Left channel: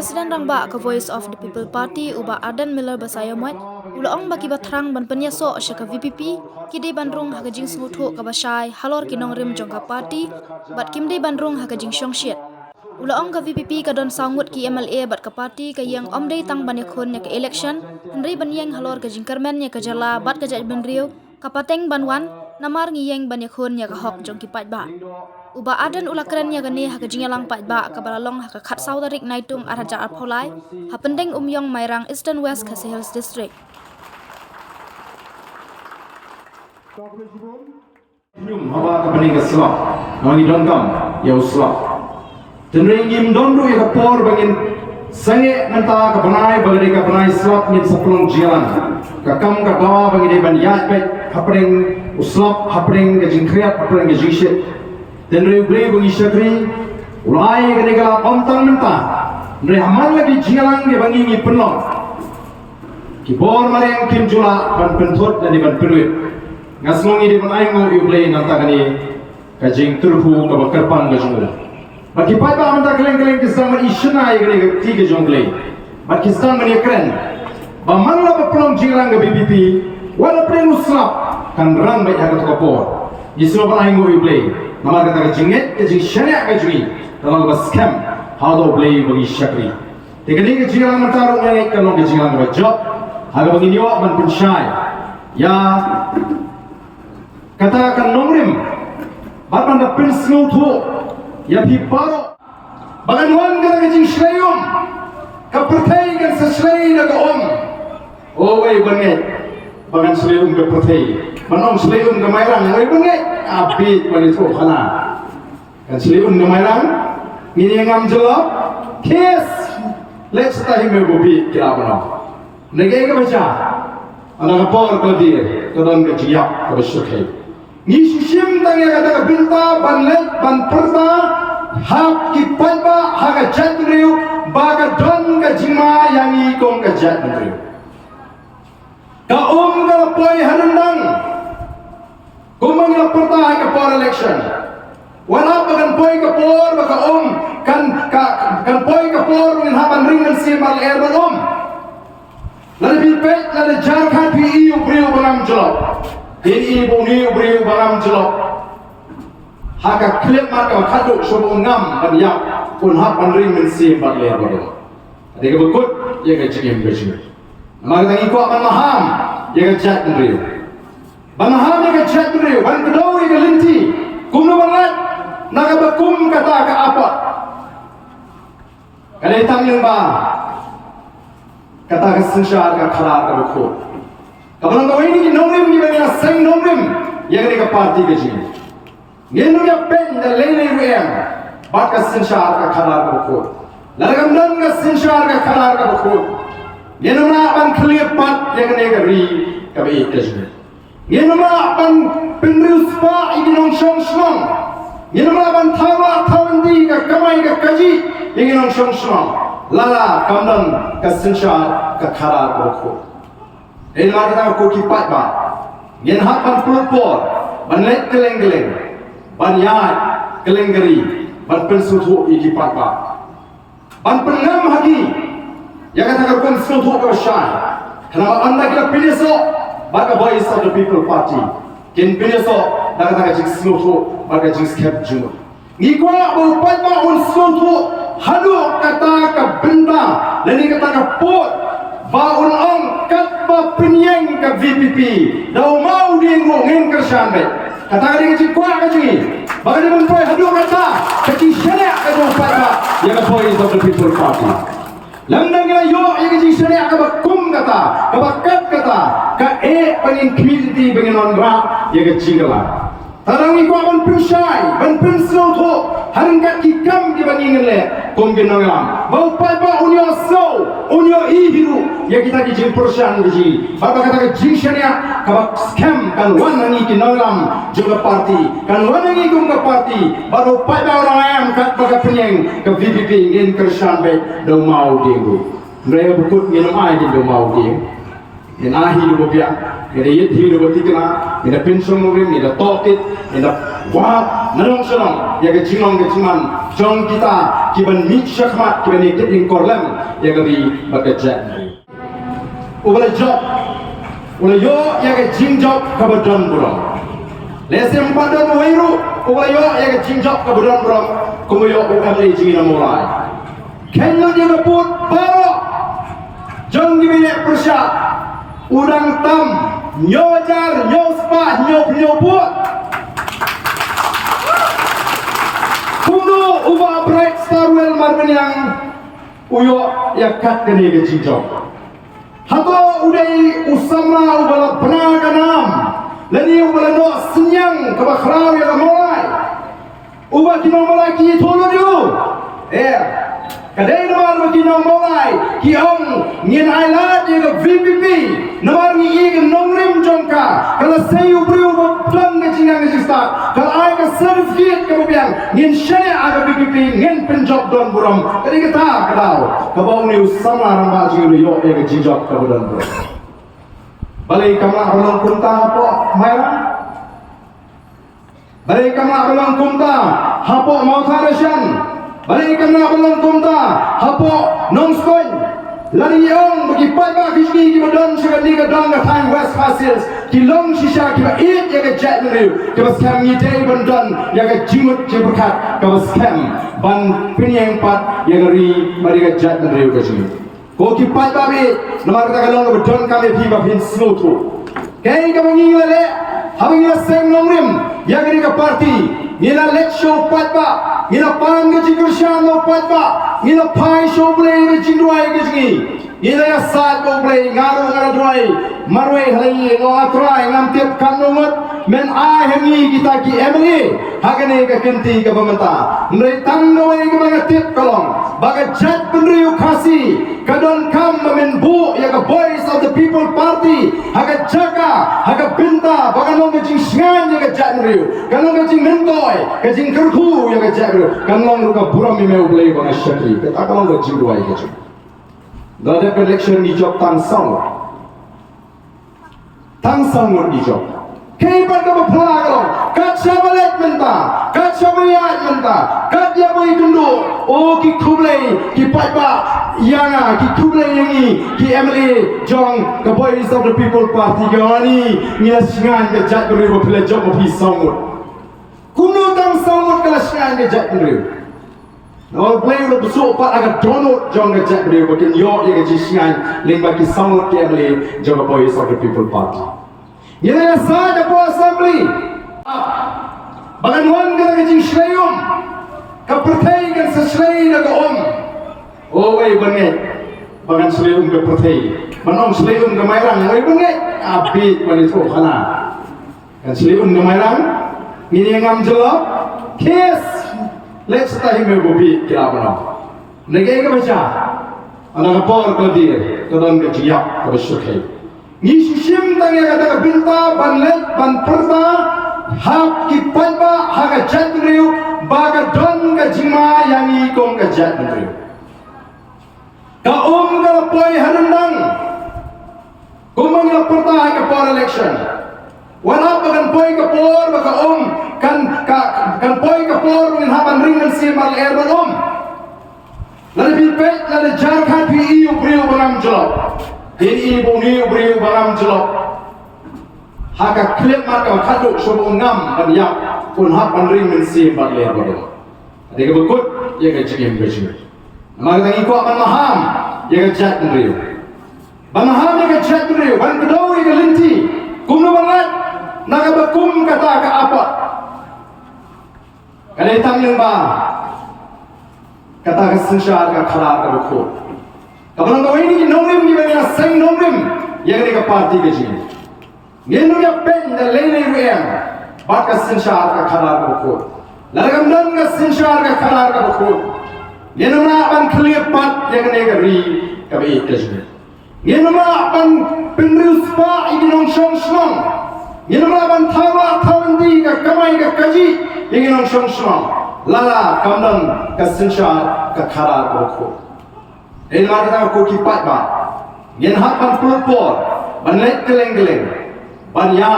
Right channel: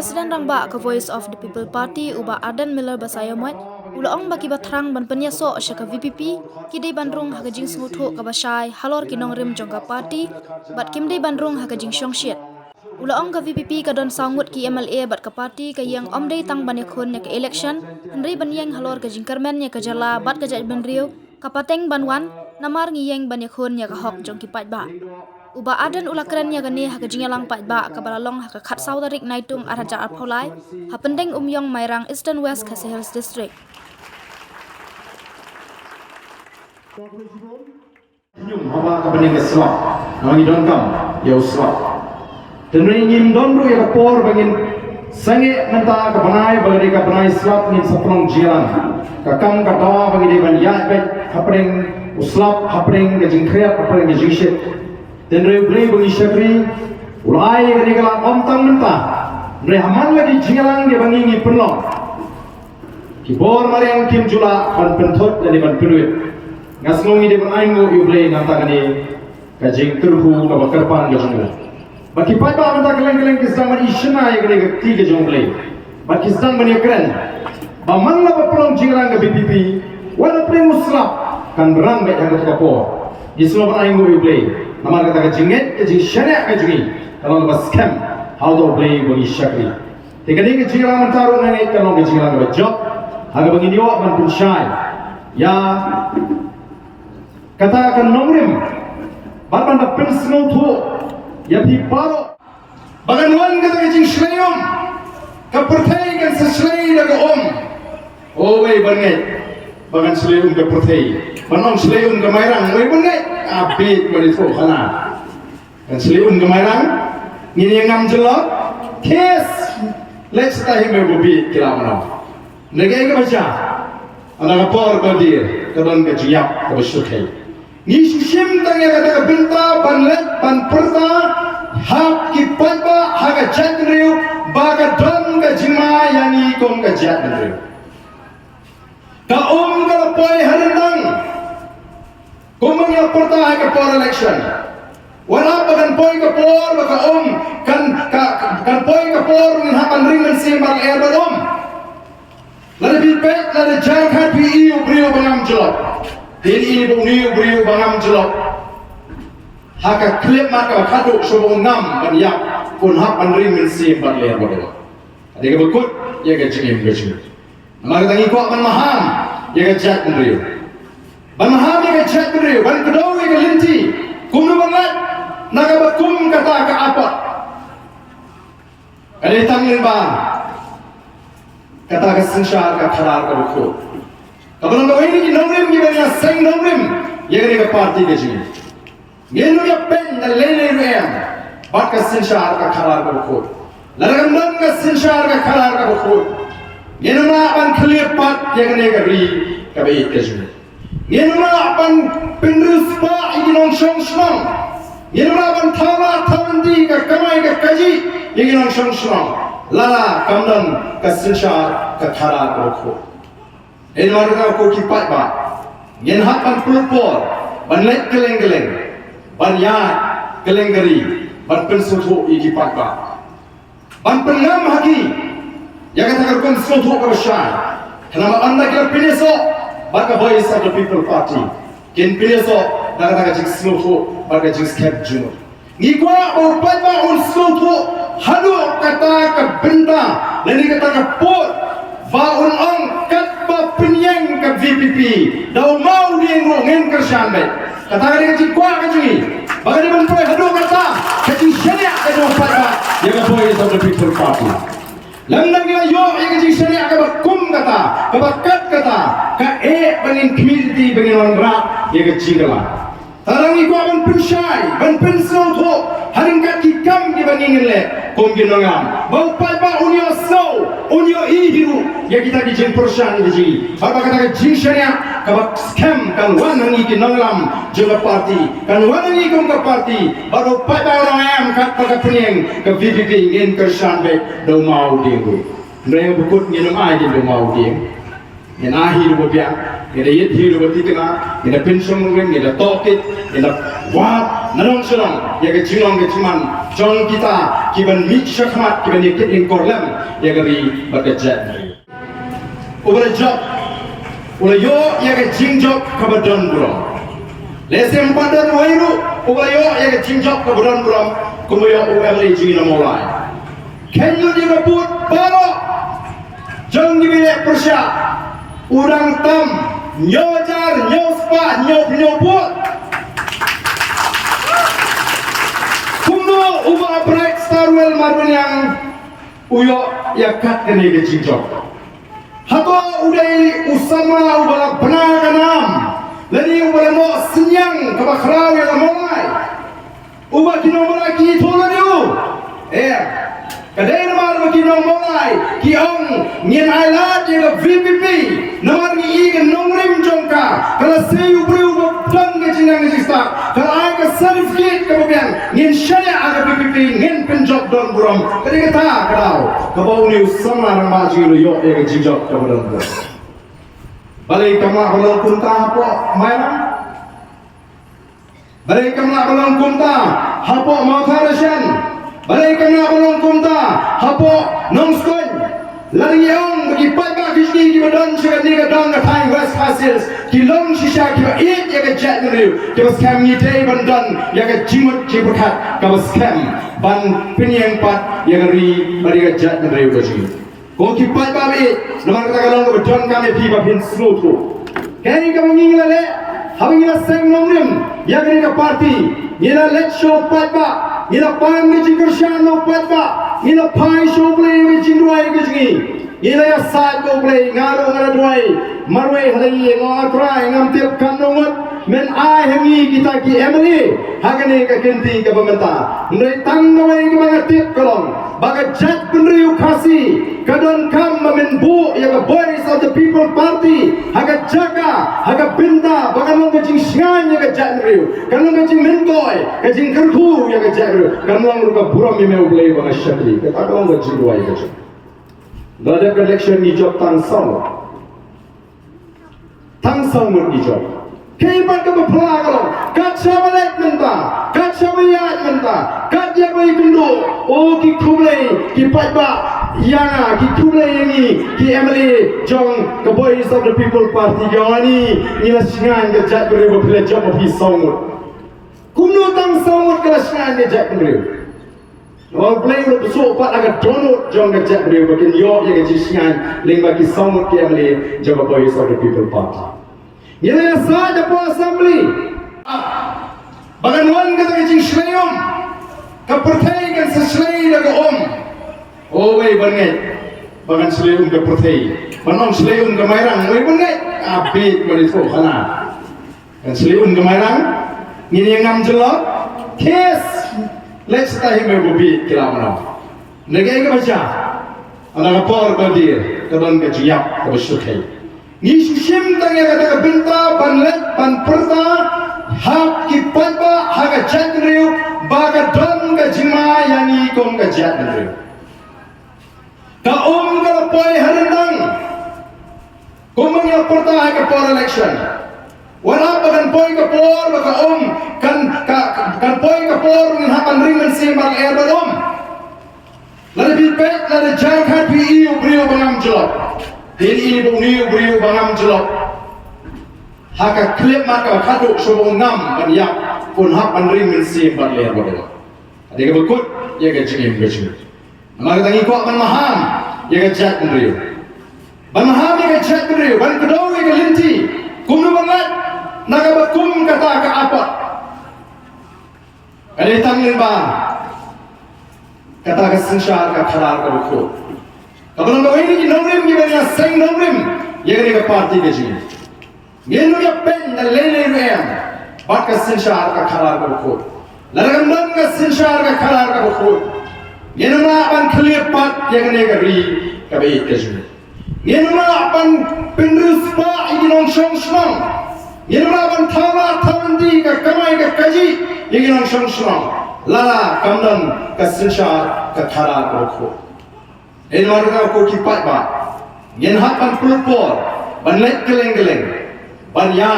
Presiden Rangba ke Voice of the People Party uba Adan Miller Basayamat ulaong baki batrang ban penyaso syaka VPP kidai bandrung hakajing snguthu kabasai halor kinong rim jongka party bat kimdai bandrung hakajing syongshit ulaong ka VPP kadon sangut ki MLA bat ka party ka yang omdai tang banyakhun nya ka election henry banyang halor ka jingkermen nya ka jala bat ka jaj benriu kapateng banwan namar ngiyeng banyakhun nya ka hok jongki patba uba adan ulakran nya gani hakajing lang patba ka balalong hakakat saudarik naitung araja arpolai hapendeng umyong mairang Eastern West Khasi Hills District Nyum haba ka paning Islam nangi dongkam ya Islam tenri nyim dondu ya por bangin sange menta ka banai bagari ka banai Islam ngin saplong jialan ka kam ka dawa bangi de ban yat bet hapring Islam hapring ga jingkhiat hapring ga jishit tenri beli bangi syakri ulai ga negala ontang menta nre hamal lagi jialan ge bangi ngi penlong ki bor maleng kim jula ban pentot dan ban peruit ngaslongi de ban aingo iblei nantagani kajing turhu ka bakarpan ga jungla baki paiba anta geleng-geleng kisang man ishna igre ga ti ga jungle baki kisang man yakren ba manla ba pelong jilang ga BPP wala pring uslap kan ram ba yaga ka po islo ban aingo iblei namar ka ta jinget ka jing shana ka jingi talang ba scam how do play bagi syakri tegani ga jilang man taru ngai ka no ga jilang ba job haga bagi niwa man punshai ya katakan nongrim bapan da pinsnu thu ya pi paro bagan wan ga jing shlayum ka perthai kan se shlay da ga o wei banget bagan shlayum ga perthai ban shlayum ga mairang wei banget abit bani tho khala kan shlayum ga mairang ni yang ngam jelot kes let's ta hime go bi kila mana nege ga bacha ana por ko dir kadang ga jiyak ka basukai ni shim tang ya kata binta banlet ban perta hak ki paiba haga jadriu baga don ga jima yani kong ga jadriu ka ga poi hanendang kumang ya perta haga por election wala bagan poi ka por baka kan poi ka por nin haman ringan si mal erbalom lari bilpet lari jarkhat pi iu briu bangam jelop Dini ibu ni beriu bangam jelok, haka klip maka kaduk sobong ngam banyak pun hak panring mensim bagler bagel. Ada ke bekut ya ke cingin bejur. Maka tangi kuat man maham ya ke jat beriu. Ban maham ya ke jat beriu, ban kedau ya ke linti. Kumu banget naga bekum kata ke apa? Kada hitang lirba kata ke sensyar ke karar ke bekut. Kapan kau ini nongrim ni benda seng nongrim yang ni ke parti ke sini. Ngenu ya pen dan lele ruem, bat ke sensyar ke karar ke bukut. Laragam dan ke sensyar ke karar ke bukut. Ngenu na ban kelipat yang ni ke ri ke baik ke sini. Ngenu na ban penrus pa ini nong shong shong. Ngenu na ban thawa thawandi ke kamai ke kaji ini nong shong shong. Lala kamdan ke sensyar ke karar ke bukut. Ini makna aku kipat ba. Yen hak ban pulpor, ban let geleng-geleng, ban yat geleng-geri, ban pensutu kipat ba. Ban pengam haki, yang kata pensutu ke syai. Kenapa anda kira pineso, baka Voice of the People Party. Ken pineso, kata jing sutu, baka jing skep junu. Ngikwa berpat ba un sutu, hadu kata ke benda, leni kata ke pot, ba un ang penyeng ke VPP dah mau dia ngomongin kerjaan baik kata dia kecil kuat kecil bagi dia menempel hadu kata kecil syariah ke dua pada yang Voice of the People Party lamdang kira yo yang kecil syariah ke bakum kata ke bakat kata ke pengin community pengin orang rap yang kecil lah tarang ni kuat ban pensyai ban pensel tu haringkat kikam di bangingin le kom ginongam mau pada unyo so unyo ihiru ya kita di jin persian di jin bapa kata ke jin syariah kabak scam kan wanangi kinongam juga parti kan wanangi kum ke parti baru pada orang am kat pada penyeng ke VPP ingin kersan baik do mau dinggu mereka bukut nginong ai di do mau ding Yang akhir bobian, yang yet hiru betikna, yang pension mungkin, yang tokit, yang wah, narong serong, yang kecilong keciman, jong kita, kiban mixakmat, kiban yakit lingkorlem, yang kami bekerja. Ulah job, ulah yo yang kecing job kabadon bro. Lesem padan wairu, ulah yo yang kecing job kabadon bro, kumayo UML jingina mulai. Kenya dia kebut baru, jong gimana persyak. Udang tam, nyojar, nyospa, nyobut. Kuno ubah bright starwell marun yang uyo yakat kini ke cincok. Hato udai usama ubah benar kanam. Lani ubah mo senyang kebakrau yang mulai. Ubah kino mulai ki tolo diu. Kadai namar makinong mulai kiong ngin ailat yang VPP namar ngi ing nongrim jongka kalau sayu beriu don ke jinang jista kalau ai ka certificate kemudian ngin syaya aga VPP ngin penjob don buram kadi kata kadau kabau ni usama ramba jiru yo yang jinjob kemudian balik kamla kolon kunta po mayang balik kamla kolon kunta hapo mautarasyan balik kena ulang kumta hapo nongskon lari yang bagi pada kisni ki badon sekali ke dong ke time west hasil kilong sisa ki ba it ya ke jet riu ke skam ni day bandon ya ke jimut ki berkat ke skam ban pinyang pat ya ri bari ke jet riu ke sini ko ki pat ba be nomor ta kalong ke badon kami pi ba pin smooth kai ka mangi lele habing la seng nongrim ya ke party ila let's show pat ba ila pang ke jingursian no pat ba ila pai show play ke jingruai ke jingi ila ya side go play ngaru ngara duai marwai halai ngo atrai ngam tip kanungat men ai hangi kita ki emli hagane ka kenti ka pementa ndai tang noi ke mga tip kolong baga jat penriu kasi kadon kam men bu ya ka voice of the people party haga jaga haga binta baga nong ke jing sngan ya ka jat riu kanong ke jing mentoy ka jing kerku ya ka jat riu kanong ka buram mi meu play baga shatri ka kanong ka jing duai ka jing Gada election ni job tang song ni job. Kaipan ka mapala kalong kat sabalet menta kat sabayat menta kat ya boy kundo o ki kublay ki patba yana ki kublay yangi ki emily jong ka boys of the people party gani nila singan ka jat riu pila job of his song kuno tang song kala singan ka jat riu Orang play udah besok pat agak donut jong ke jat riu bakin yo ya ke singan ling bagi song ki emily jong ka boys of the people party Nila saja po assembly. Bagaimana kita kecing slayum, kepertai kan seslay lagu Oh wei banget, bagan slayum kepertai. Banong slayum kemairang, wei banget. Abid bani tu kana. Kan slayum kemairang, ni yang ngam jelak. Kes, let's time bobi kelabra. Negai ke baca, anak por berdir, kadang kejiak kebesukai. Ni sim tanya kata binta banlet ban perta hak ki paiba haga jadriu baga don ka jima yani kong ka jadriu ka ka poi harendang kumang ya perta haga por election wala bagan poi ka por baga kan poi ka por ngin hapan ringan simbal air ban lari bipet lari jangkat pi iu briu bangam jelok Ini ibu ni beriu barang jelok. Haka klip maka kaduk sebung ngam banyak pun hak bandring mensim berlian berlian. Ada yang berkut, ia kecil kecil. Maka tangi kuat ban maham, ia kejat beriu. Ban maham ia kejat beriu. Ban kedau ia kelinti. Kum banget, naga berkum kata ke apa? Ada hitam lemba. Kata kesensyal ke kalah ke berkut. Kapan kau ini nongrim ni benda seng nongrim yang ni ke parti ke sini. Ngenu ya pen dan lele ruem, bat ke sensyal ke kalah ke berkut. Lalu kemudian ke sensyal ke kalah ke berkut. Ngenu nak ban kelipat yang ni ke ri ke baik ke sini. Ngenu nak ban penrius pa ini nong shong shong. Ngenu nak ban tawa tawendi ke kamai ke kaji ini nong shong shong. Lala kemudian ke sensyal ke kalah ke berkut. Ini mana kita kau kipat ba, yang hak pan pelupor, ban lek keleng-keleng, ban ya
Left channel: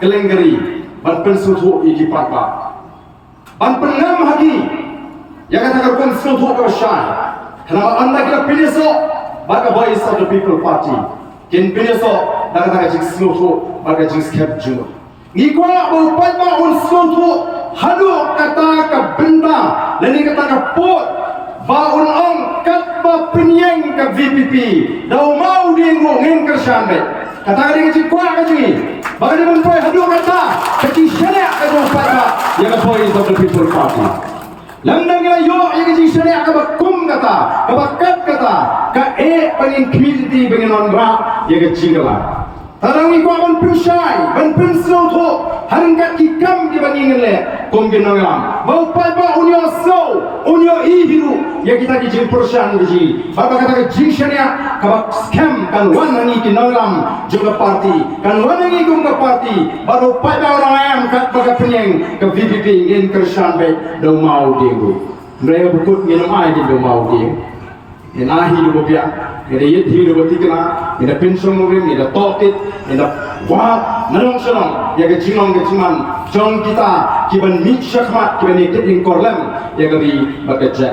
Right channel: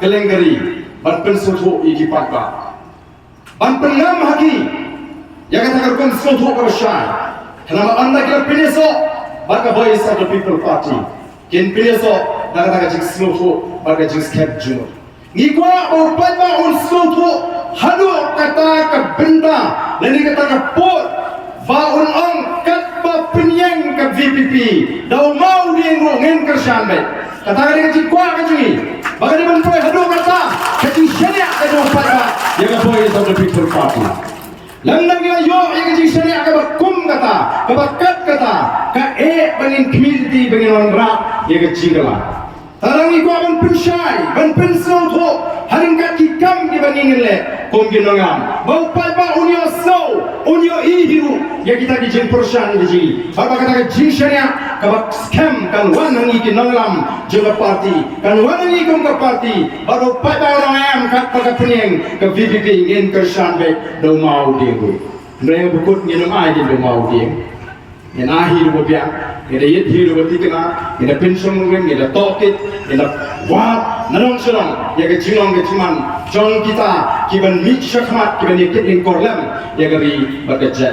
keleng-geri, ban pensutu iki patba. Ban pengam haki, yang katakan pensutu kawasai. Kenapa anda kira penyeso, baka voice of the people party. Kin penyeso, katakan jik sutu, baka jik skep juno. Ngikwa upai ba unsutu, hadu kata ke benda, leni kata ke pot, ba unang kat ba penyeng ke VPP, dau mau diengu ngin kersan be. Kata ke jik kwa kajui, baka di menpai hadu kata, kecil syariah ke upai ba, yang voice of the people party. Lamdang kira yo yang kecil syariah ke bakum kata, ke bakat kata, ke pengin community pengin orang rak, yang kecil kala. Tarang iko ban pinsai, ban pinsau tu, haring kat kikam di bandingin le, kom ginangam. Bau pai ba unyo so, unyo ihiru, ya kita dijin persan biji. Bapa kata ke jinsanya, kabak scam kan wan hangi kinangam juga parti, kan wan hangi kum ke parti. Baru pai ba orang ayam kat baga penyeng ke VPP ngin kersan be, do mau diengu. Mereka bukut nginum ai di do mau diengu. Yang akhir berbiak, yang yet hidup bertikna, yang pensiun mungkin, yang tokit, yang wah, nadong senong, yang kecinong keciman, jong kita, kiban mit syakmat, kiban ikut lingkorlem, yang kami bekerja.